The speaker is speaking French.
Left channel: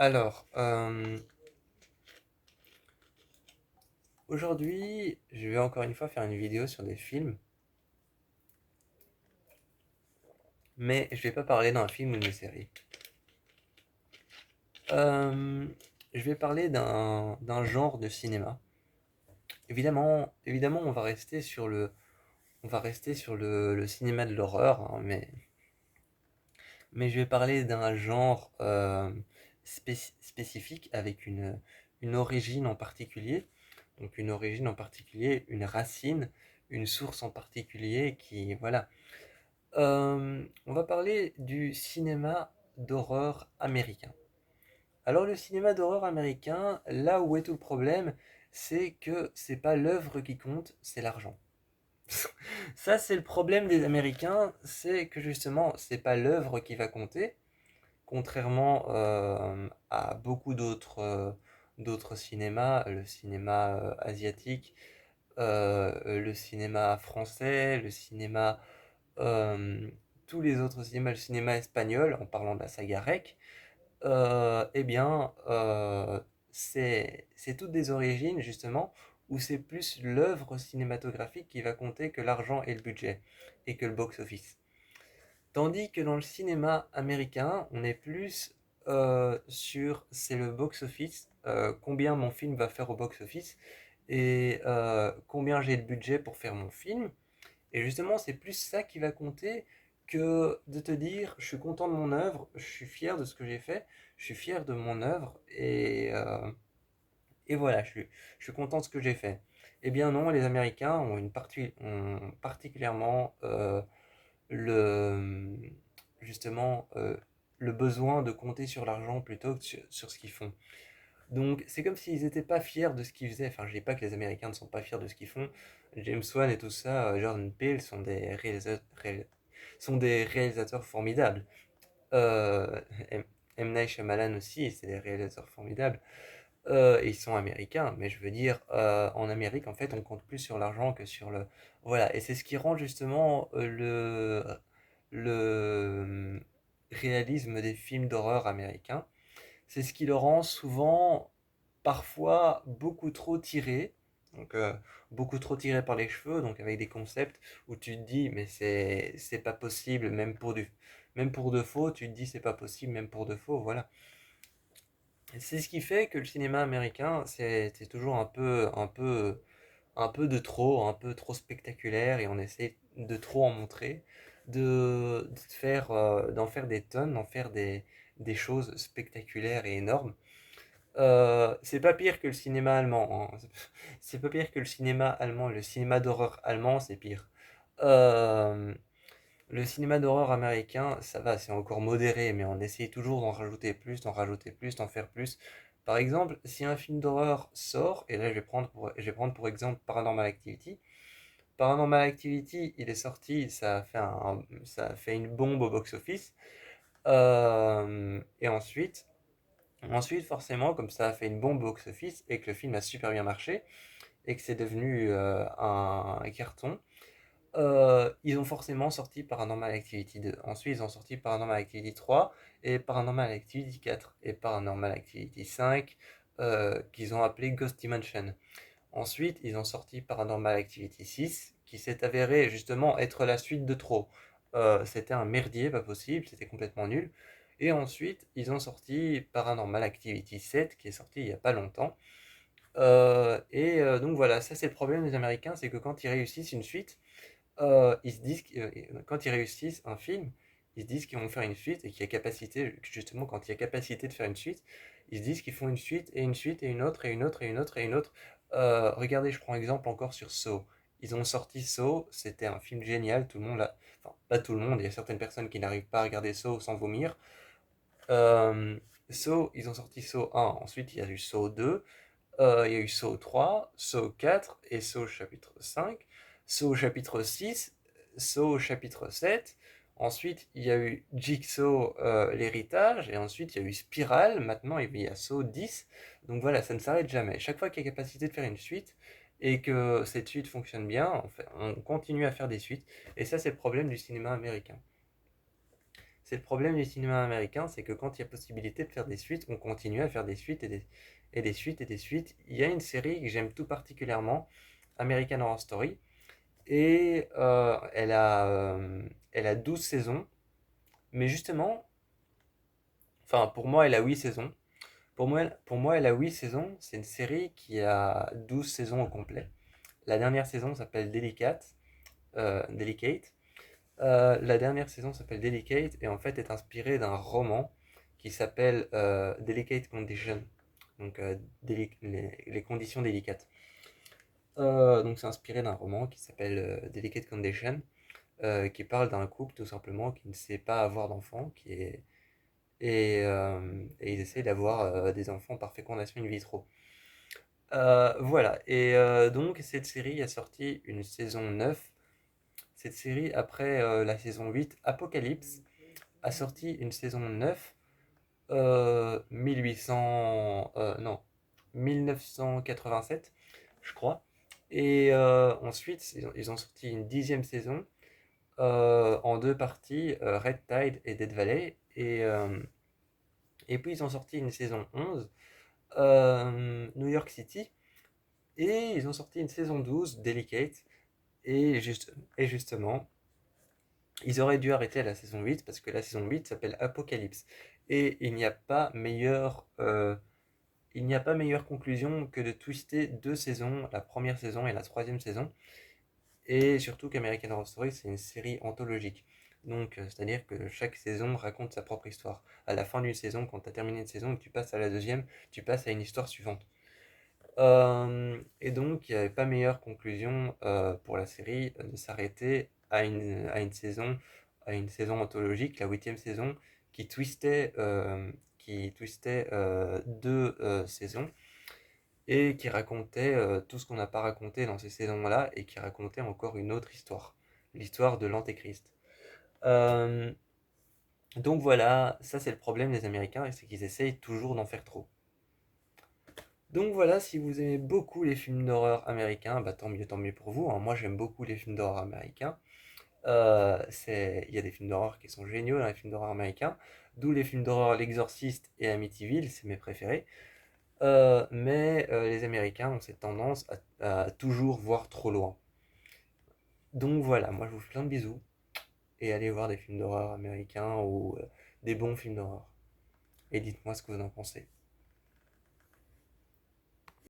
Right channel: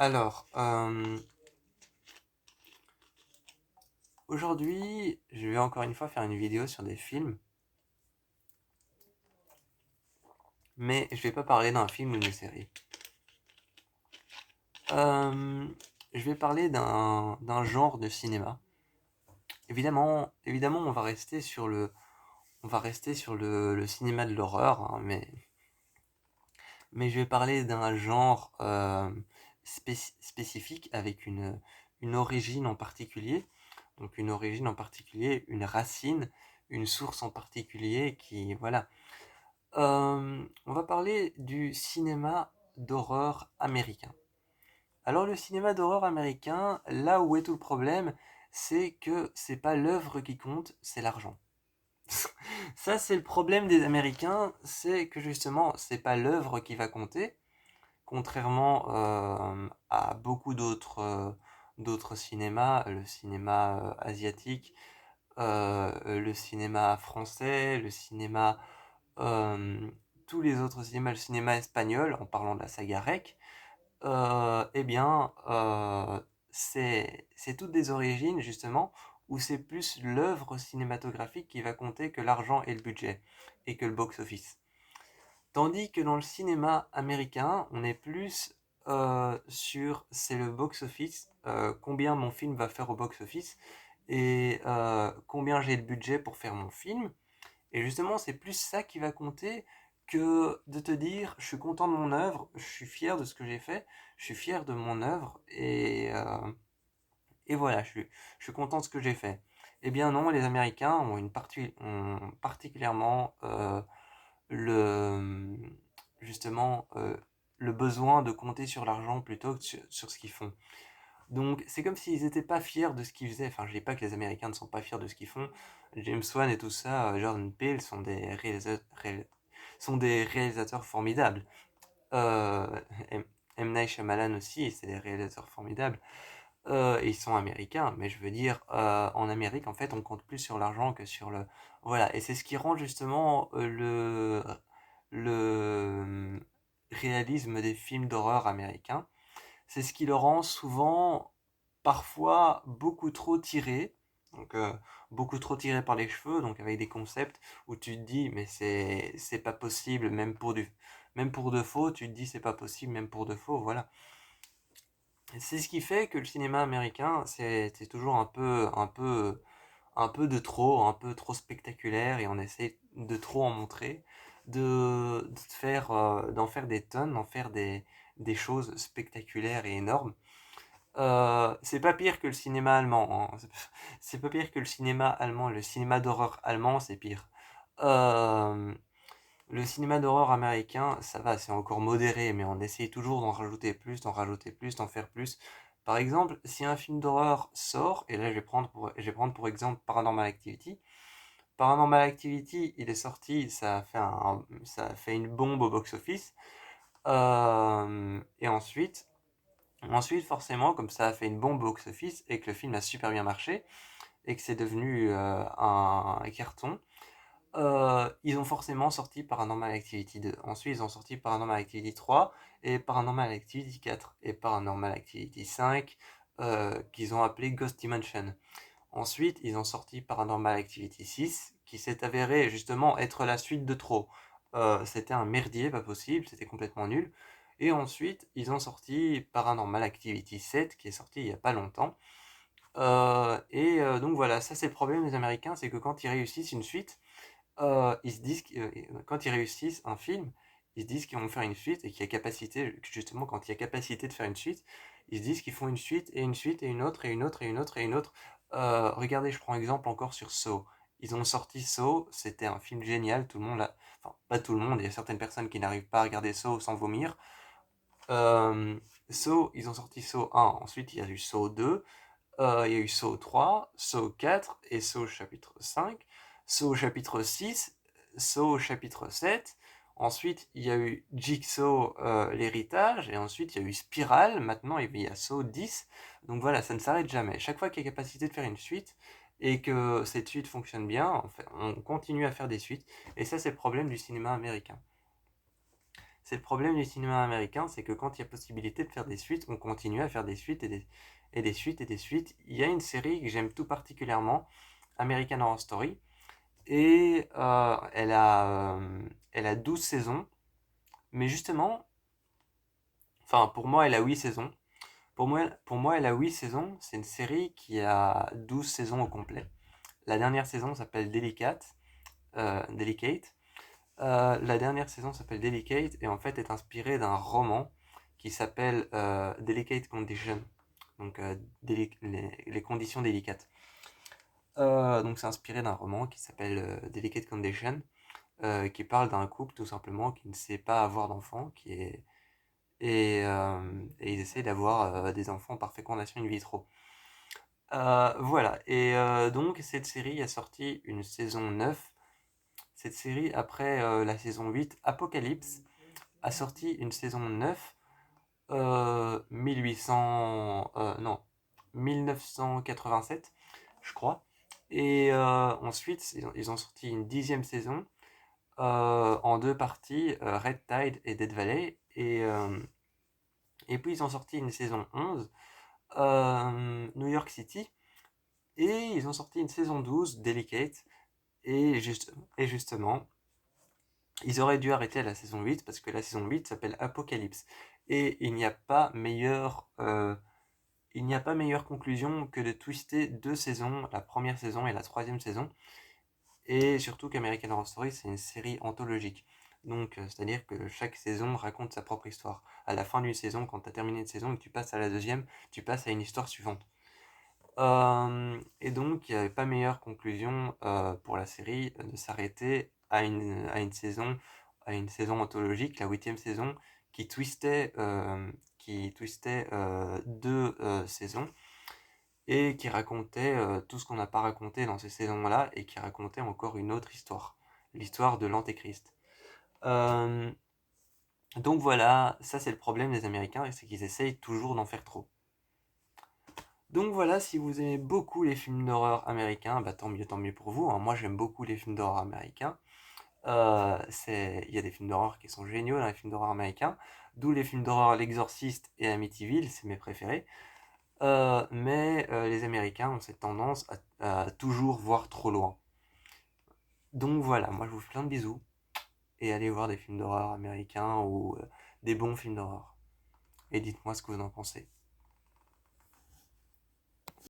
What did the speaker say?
Alors, aujourd'hui, je vais encore une fois faire une vidéo sur des films, mais je vais pas parler d'un film ou d'une série. Euh, je vais parler d'un genre de cinéma. Évidemment, on va rester sur le cinéma de l'horreur, hein, mais je vais parler d'un genre spécifique avec une origine en particulier. Donc une origine en particulier, une racine, une source en particulier qui, voilà. On va parler du cinéma d'horreur américain. Alors le cinéma d'horreur américain, là où est tout le problème, c'est que c'est pas l'œuvre qui compte, c'est l'argent. Ça, c'est le problème des Américains, c'est que justement, c'est pas l'œuvre qui va compter, contrairement à beaucoup d'autres cinémas, le cinéma asiatique, le cinéma français, le cinéma, euh, tous les autres cinémas, le cinéma espagnol, en parlant de la saga REC, eh bien, c'est toutes des origines justement où c'est plus l'œuvre cinématographique qui va compter que l'argent et le budget et que le box-office. Tandis que dans le cinéma américain, on est plus sur c'est le box-office, combien mon film va faire au box-office et combien j'ai de budget pour faire mon film. Et justement, c'est plus ça qui va compter que de te dire je suis content de mon œuvre, je suis fier de ce que j'ai fait, je suis fier de mon œuvre et voilà, je suis content de ce que j'ai fait. Eh bien non, les Américains ont particulièrement le, justement le besoin de compter sur l'argent plutôt que sur ce qu'ils font. Donc c'est comme s'ils n'étaient pas fiers de ce qu'ils faisaient. Enfin, je dis pas que les Américains ne sont pas fiers de ce qu'ils font. James Wan et tout ça, Jordan Peele sont des réalisateurs formidables. Euh, M. Night Shyamalan aussi, c'est des réalisateurs formidables. Et ils sont américains, mais je veux dire, en Amérique, en fait, on compte plus sur l'argent que sur le... Voilà, et c'est ce qui rend justement le réalisme des films d'horreur américains. C'est ce qui le rend souvent, parfois, beaucoup trop tiré. Donc, beaucoup trop tiré par les cheveux, donc avec des concepts où tu te dis, mais c'est pas possible, même pour de faux, tu te dis, c'est pas possible, même pour de faux, voilà. C'est ce qui fait que le cinéma américain, c'est toujours un peu de trop, un peu trop spectaculaire et on essaie de trop en montrer, d'en faire des tonnes, d'en faire des choses spectaculaires et énormes. C'est pas pire que le cinéma allemand, hein. C'est pas pire que le cinéma allemand. Le cinéma d'horreur allemand, c'est pire. Euh, le cinéma d'horreur américain, ça va, c'est encore modéré, mais on essaye toujours d'en rajouter plus, d'en rajouter plus, d'en faire plus. Par exemple, si un film d'horreur sort, et là je vais prendre pour exemple Paranormal Activity. Paranormal Activity, il est sorti, ça a fait une bombe au box-office. Et ensuite, forcément, comme ça a fait une bombe au box-office et que le film a super bien marché et que c'est devenu un carton, ils ont forcément sorti Paranormal Activity 2. Ensuite, ils ont sorti Paranormal Activity 3 et Paranormal Activity 4 et Paranormal Activity 5 qu'ils ont appelé Ghost Dimension. Ensuite, ils ont sorti Paranormal Activity 6 qui s'est avéré justement être la suite de trop. C'était un merdier, pas possible, c'était complètement nul. Et ensuite, ils ont sorti Paranormal Activity 7 qui est sorti il n'y a pas longtemps. Donc voilà, ça c'est le problème des Américains, c'est que quand ils réussissent une suite, ils se disent quand ils réussissent un film, ils se disent qu'ils vont faire une suite et qu'il y a capacité, justement, quand il y a capacité de faire une suite, ils se disent qu'ils font une suite et une suite et une autre et une autre et une autre et une autre. Regardez, je prends exemple encore sur Saw. Ils ont sorti Saw, c'était un film génial, tout le monde l'a. Enfin, pas tout le monde, il y a certaines personnes qui n'arrivent pas à regarder Saw sans vomir. Euh, Saw, ils ont sorti Saw 1, ensuite il y a eu Saw 2, il y a eu Saw 3, Saw 4 et Saw chapitre 5, Saw chapitre 6, Saw chapitre 7. Ensuite, il y a eu Jigsaw, l'héritage, et ensuite il y a eu Spiral, maintenant il y a Saw 10. Donc voilà, ça ne s'arrête jamais. Chaque fois qu'il y a capacité de faire une suite, et que cette suite fonctionne bien, en fait, on continue à faire des suites. Et ça, c'est le problème du cinéma américain. c'est le problème du cinéma américain, c'est que quand il y a possibilité de faire des suites, on continue à faire des suites et des suites et des suites. Il y a une série que j'aime tout particulièrement, American Horror Story, et elle a 12 saisons, mais justement, enfin pour moi elle a 8 saisons. Pour moi elle a 8 saisons, c'est une série qui a 12 saisons au complet. La dernière saison s'appelle Delicate. La dernière saison s'appelle Delicate et en fait est inspirée d'un roman qui s'appelle Delicate Condition, donc les conditions délicates. Donc c'est inspiré d'un roman qui s'appelle Delicate Condition, qui parle d'un couple tout simplement qui ne sait pas avoir d'enfants, et ils essayent d'avoir des enfants par fécondation in vitro. Voilà, et donc cette série a sorti une saison 9. Cette série, après la saison 8, Apocalypse, a sorti une saison 9, 1800, non, 1987, je crois. Et ensuite, ils ont sorti une 10e saison en deux parties, Red Tide et Dead Valley. Et puis ils ont sorti une saison 11, New York City. Et ils ont sorti une saison 12, Delicate. Et justement, ils auraient dû arrêter à la saison 8 parce que la saison 8 s'appelle Apocalypse. Et il n'y a pas meilleure conclusion que de twister deux saisons, la première saison et la troisième saison. Et surtout qu'American Horror Story, c'est une série anthologique. Donc, c'est-à-dire que chaque saison raconte sa propre histoire. À la fin d'une saison, quand tu as terminé une saison et que tu passes à la deuxième, tu passes à une histoire suivante. Et donc, il n'y avait pas meilleure conclusion pour la série de s'arrêter à une saison anthologique, la 8e saison, qui twistait deux saisons et qui racontait tout ce qu'on n'a pas raconté dans ces saisons-là et qui racontait encore une autre histoire, l'histoire de l'Antéchrist. Euh, donc voilà, ça c'est le problème des Américains, c'est qu'ils essayent toujours d'en faire trop. Donc voilà, si vous aimez beaucoup les films d'horreur américains, bah tant mieux pour vous, hein. Moi j'aime beaucoup les films d'horreur américains. Il y a des films d'horreur qui sont géniaux dans les films d'horreur américains, d'où les films d'horreur L'Exorciste et Amityville, c'est mes préférés. Mais les Américains ont cette tendance à toujours voir trop loin. Donc voilà, moi je vous fais plein de bisous et allez voir des films d'horreur américains ou des bons films d'horreur. Et dites-moi ce que vous en pensez.